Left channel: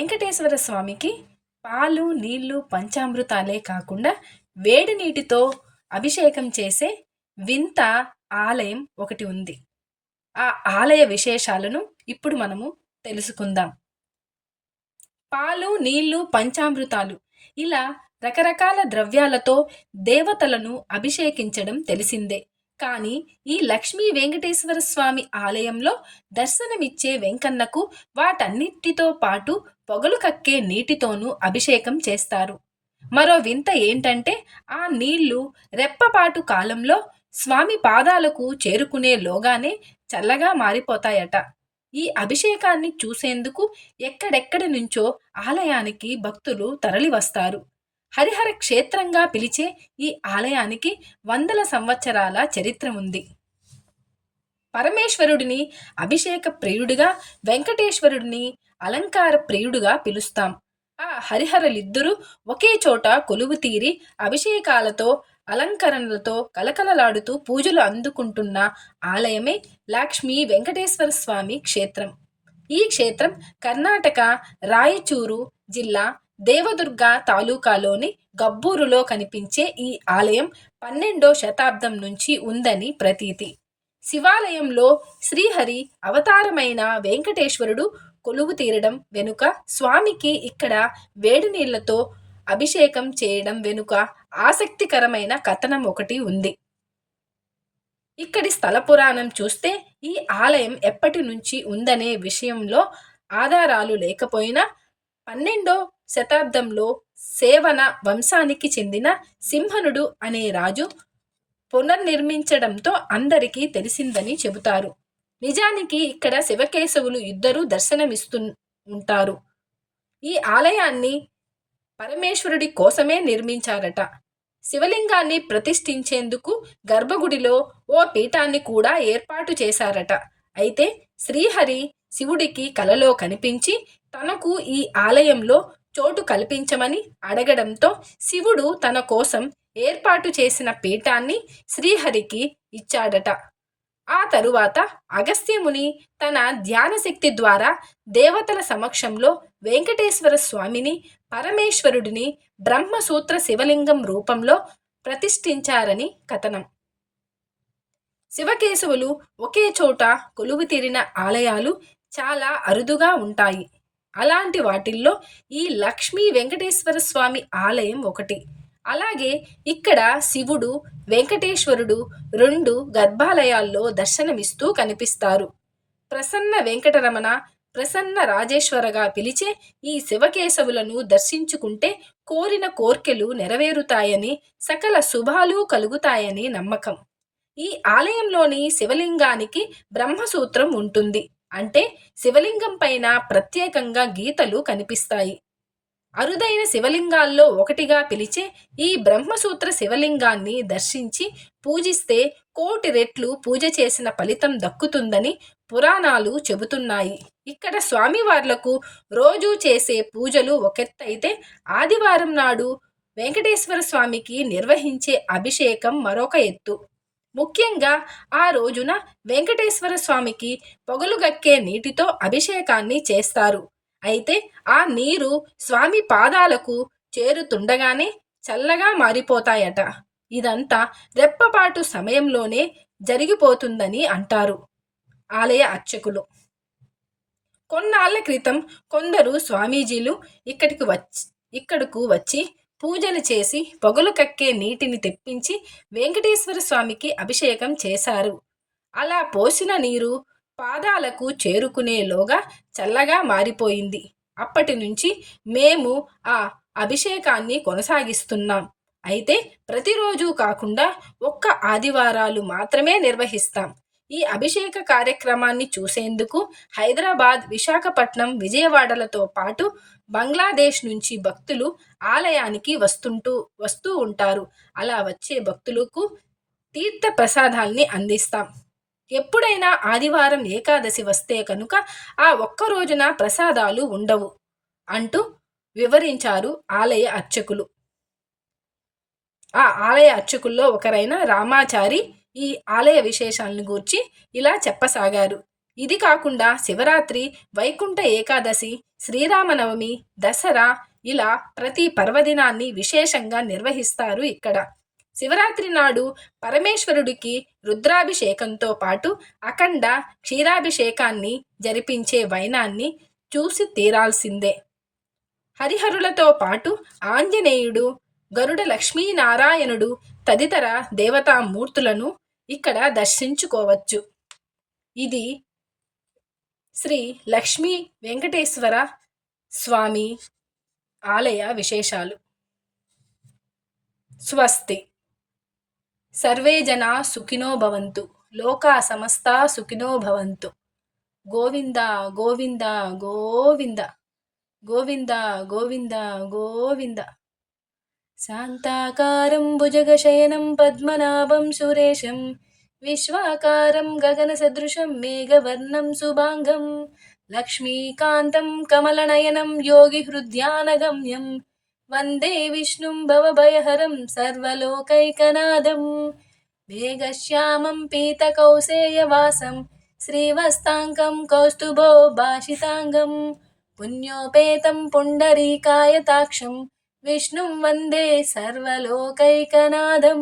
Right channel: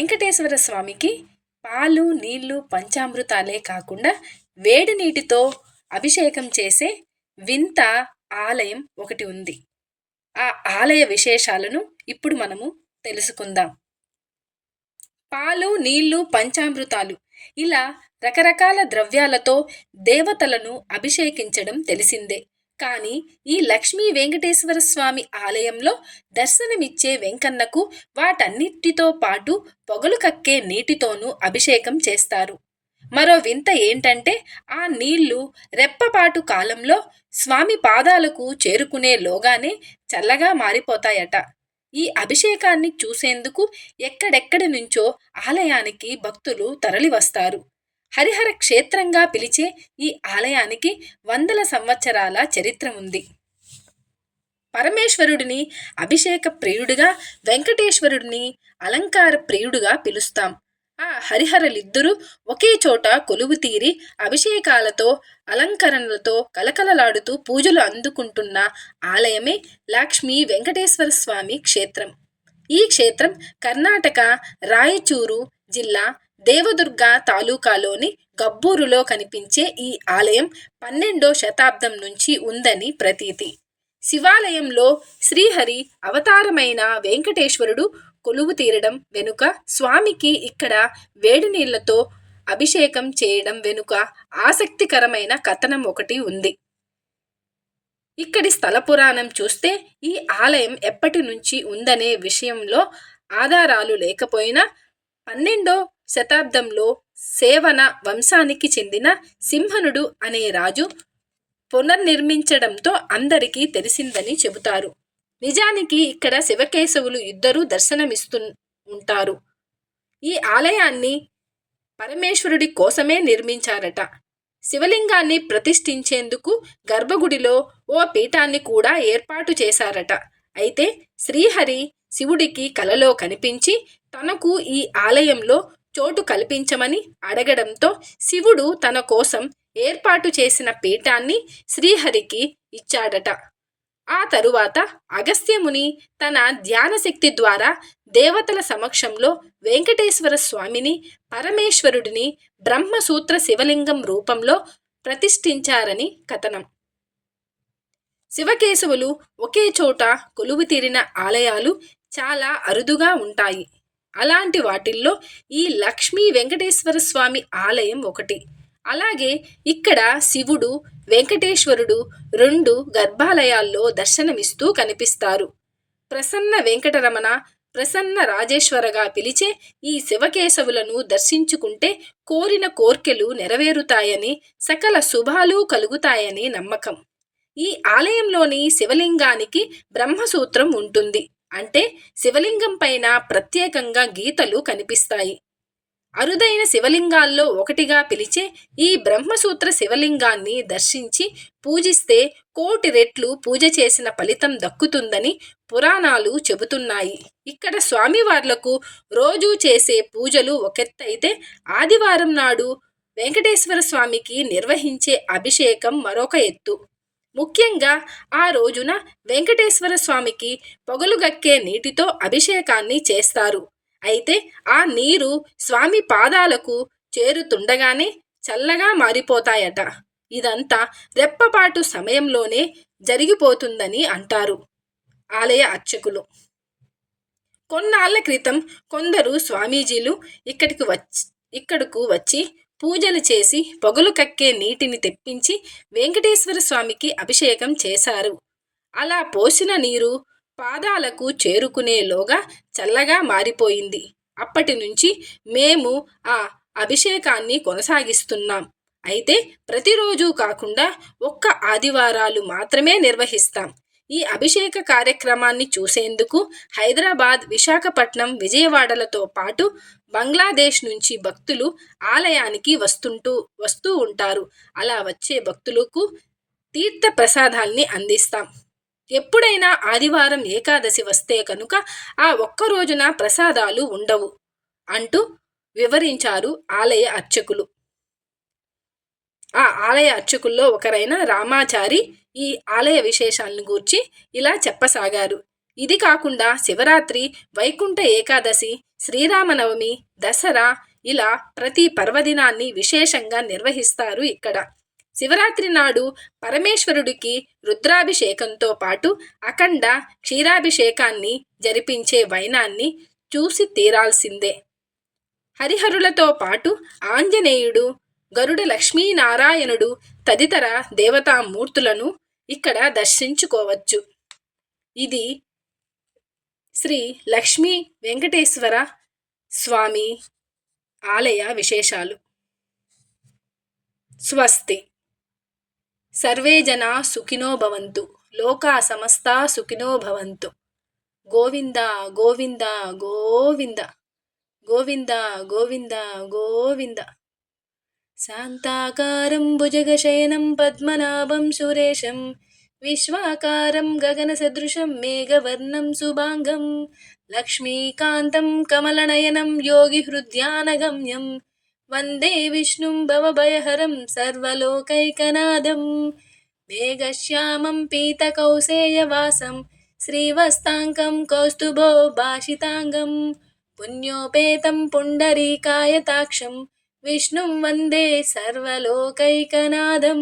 వెంకటేశ్వర స్వామికి పాలు నీళ్ళు పంచామృతాలే కాకుండా వేడి నీటితో అభిషేకం చేసే వింత ఆలయం ఒకటి ఉంది. ఆ ఆలయ విశేషాలను ఇప్పుడు మనము తెలుసుకుందాం. పాలు నీళ్ళు పంచామృతాలు ఇలా రకరకాల ద్రవ్యాలతో దేవతలను అభిషేకించడం తెలిసిందే. కానీ ఈ లక్ష్మీ వెంకటేశ్వర స్వామి ఆలయంలో దర్శనమిచ్చే వెంకన్నకు వాటన్నిటితో పాటు పొగలు కక్కే నీటితోనూ అభిషేకం చేస్తారు. మరో వింత ఏంటంటే ఆ నీళ్ళు రెప్పపాటు కాలంలో స్వామి పాదాలకు చేరుకునే లోగానే చల్లగా మారిపోతాయట. ఈ అభిషేకాన్ని చూసేందుకు ఎక్కడెక్కడి నుంచో ఆలయానికి భక్తులు తరలివస్తారు. హరిహర క్షేత్రంగా పిలిచే ఈ ఆలయానికి వందల సంవత్సరాల చరిత్ర ఉంది పరమేశ్వరుడిని అభిషేక ప్రియుడిగా వెంకటేశ్వరుడిని అలంకార ప్రియుడిగా పిలుస్తాం. ఆ హరిహరలిద్దరూ ఒకే చోట కొలువు తీరి అభిషేకాలతో అలంకరణలతో కలకలలాడుతూ పూజలు అందుకుంటున్న ఆలయమే లక్ష్మీ వెంకటేశ్వర స్వామి క్షేత్రం. ఈ క్షేత్రం కర్ణాటక రాయచూరు జిల్లా దేవదుర్గ తాలూకాలోని గబ్బూరులో కనిపించే ఈ ఆలయం పన్నెండో శతాబ్దం నుంచి ఉందని ప్రతీతి. శివాలయంలో శ్రీహరి అవతారమైన వెంకటేశ్వరుడు కొలువు తీరడం వెనుక స్వామికి ఇక్కడ వేడి నీళ్ళతో అభిషేకం చేయడం వెనుక ఆసక్తికరమైన కథనం ఒకటి ఉంది. ఇక్కడి స్థల పురాణం చూస్తే ఈ ఆలయం ఎప్పటి నుంచి ఉందనే విషయంలో ఆధారాలు లేకపోయినా పన్నెండో శతాబ్దంలో సేవన వంశానికి చెందిన సింహనుడు అనే రాజు పునర్నిర్మించడంతో అందరికీ తెలిసిందని చెబుతారు. నిజానికి ఇక్కడ శివకేశవులు ఇద్దరూ దర్శనమిస్తూ ఉంటారు. ఈ ఆలయాన్ని పరమేశ్వరుడి కోసమే నిర్మించారట. శివలింగాన్ని ప్రతిష్ఠించేందుకు గర్భగుడిలో ఓ పీఠాన్ని కూడా ఏర్పాటు చేశారట. అయితే శ్రీహరి శివుడికి కలలో కనిపించి తనకు ఈ ఆలయంలో చోటు కల్పించమని అడగడంతో శివుడు తన కోసం ఏర్పాటు చేసిన పీఠాన్ని శ్రీహరికి ఇచ్చాడట. ఆ తరువాత అగస్త్యముని తన ధ్యానశక్తి ద్వారా దేవతల సమక్షంలో వెంకటేశ్వర స్వామిని పరమేశ్వరుడిని బ్రహ్మసూత్ర శివలింగం రూపంలో ప్రతిష్ఠించారని కథనం. శివకేశవులు ఒకే చోట కొలువు తీరిన ఆలయాలు చాలా అరుదుగా ఉంటాయి. అలాంటి వాటిల్లో ఈ లక్ష్మీ వెంకటేశ్వర స్వామి ఆలయం ఒకటి. అలాగే ఇక్కడ శివుడు వెంకటేశ్వరుడు రెండు గర్భాలయాల్లో దర్శనమిస్తూ కనిపిస్తారు. ప్రసన్న వెంకటరమణ ప్రసన్న రాజేశ్వరగా పిలిచే ఈ శివకేశవులను దర్శించుకుంటే కోరిన కోర్కెలు నెరవేరుతాయని సకల శుభాలు కలుగుతాయని నమ్మకం. ఈ ఆలయంలోని శివలింగానికి బ్రహ్మసూత్రం ఉంటుంది. అంటే శివలింగం పైన ప్రత్యేకంగా గీతలు కనిపిస్తాయి. అరుదైన శివలింగాల్లో ఒకటిగా పిలిచే ఈ బ్రహ్మసూత్ర శివలింగాన్ని దర్శించి పూజిస్తే కోటి రెట్లు పూజ చేసిన ఫలితం దక్కుతుందని పురాణాలు చెబుతున్నాయి. ఇక్కడ స్వామివార్లకు రోజు చేసే పూజలు ఒకెత్తైతే ఆదివారం నాడు వెంకటేశ్వర స్వామికి నిర్వహించే అభిషేకం మరొక ఎత్తు. ముఖ్యంగా ఆ రోజున వెంకటేశ్వర స్వామికి పొగలుగక్కే నీటితో అభిషేకాన్ని చేస్తారు. అయితే ఆ నీరు స్వామి పాదాలకు చేరుతుండగానే చల్లగా మారిపోతాయట. ఇదంతా రెప్పపాటు సమయంలోనే జరిగిపోతుందని అంటారు ఆలయ అర్చకులు. కొన్నాళ్ళ క్రితం కొందరు స్వామీజీలు ఇక్కడికి వచ్చి ఇక్కడకు వచ్చి పూజలు చేసి పొగలు కక్కే నీటిని తెప్పించి వెంకటేశ్వర స్వామికి అభిషేకం చేశారు. అలా పోసిన నీరు పాదాలకు చేరుకునేలోగా చల్లగా మారిపోయింది. అప్పటి నుంచి మేము ఆ అభిషేకాన్ని కొనసాగిస్తున్నాం. అయితే ప్రతిరోజు కాకుండా ఒక్క ఆదివారాలు మాత్రమే నిర్వహిస్తాం. ఈ అభిషేక కార్యక్రమాన్ని చూసేందుకు హైదరాబాద్ విశాఖపట్నం విజయవాడలతో పాటు బంగ్లాదేశ్ నుంచి భక్తులు ఆలయానికి వస్తుంటూ వస్తూ ఉంటారు. అలా వచ్చే భక్తులకు తీర్థ ప్రసాదాల్ని అందిస్తాం. ఎప్పుడైనా ఆదివారం ఏకాదశి వస్తే కనుక ఆ ఒక్క రోజున ప్రసాదాలు ఉండవు అంటూ వివరించారు ఆలయ అర్చకులు. ఆ ఆలయ అర్చకుల్లో ఒకరైన రామాచారి ఈ ఆలయ విశేషాలను గూర్చి ఇలా చెప్పసాగారు. ఇది కాకుండా శివరాత్రి వైకుంఠ ఏకాదశి శ్రీరామనవమి దసరా ఇలా ప్రతి పర్వదినాన్ని విశేషంగా నిర్వహిస్తారు ఇక్కడ. శివరాత్రి నాడు పరమేశ్వరుడికి రుద్రాభిషేకంతో పాటు అఖండ క్షీరాభిషేకాన్ని జరిపించే వైనాన్ని చూసి తీరాల్సిందే. హరిహరులతో పాటు ఆంజనేయుడు గరుడ లక్ష్మీనారాయణుడు తదితర దేవతామూర్తులను ఇక్కడ దర్శించుకోవచ్చు. ఇది శ్రీ లక్ష్మీ వెంకటేశ్వర స్వామి ఆలయ విశేషాలు. స్వస్తి. సర్వే జనా సుఖినో భవంతు. లోకా సమస్తా సుఖినో భవంతు. గోవింద గోవింద గోవింద. గోవింద గోవింద గోవింద. శాంతాకారం భుజగశయనం పద్మనాభం సురేశం విశ్వాకారం గగనసదృశం మేఘవర్ణం శుభాంగం లక్ష్మీకాంతం కమలనయనం యోగిహృద్యానగమ్యం వందే విష్ణుం భవభయహరం సర్వలోకైకనాదం మేఘశ్యామం పీతకౌసేయవాసం శ్రీవస్తాంగం కౌస్తుభో భాషితాంగం పుణ్యోపేతం పుండరీకాయతాక్షం విష్ణుం వందే సర్వలోకైకనాథం.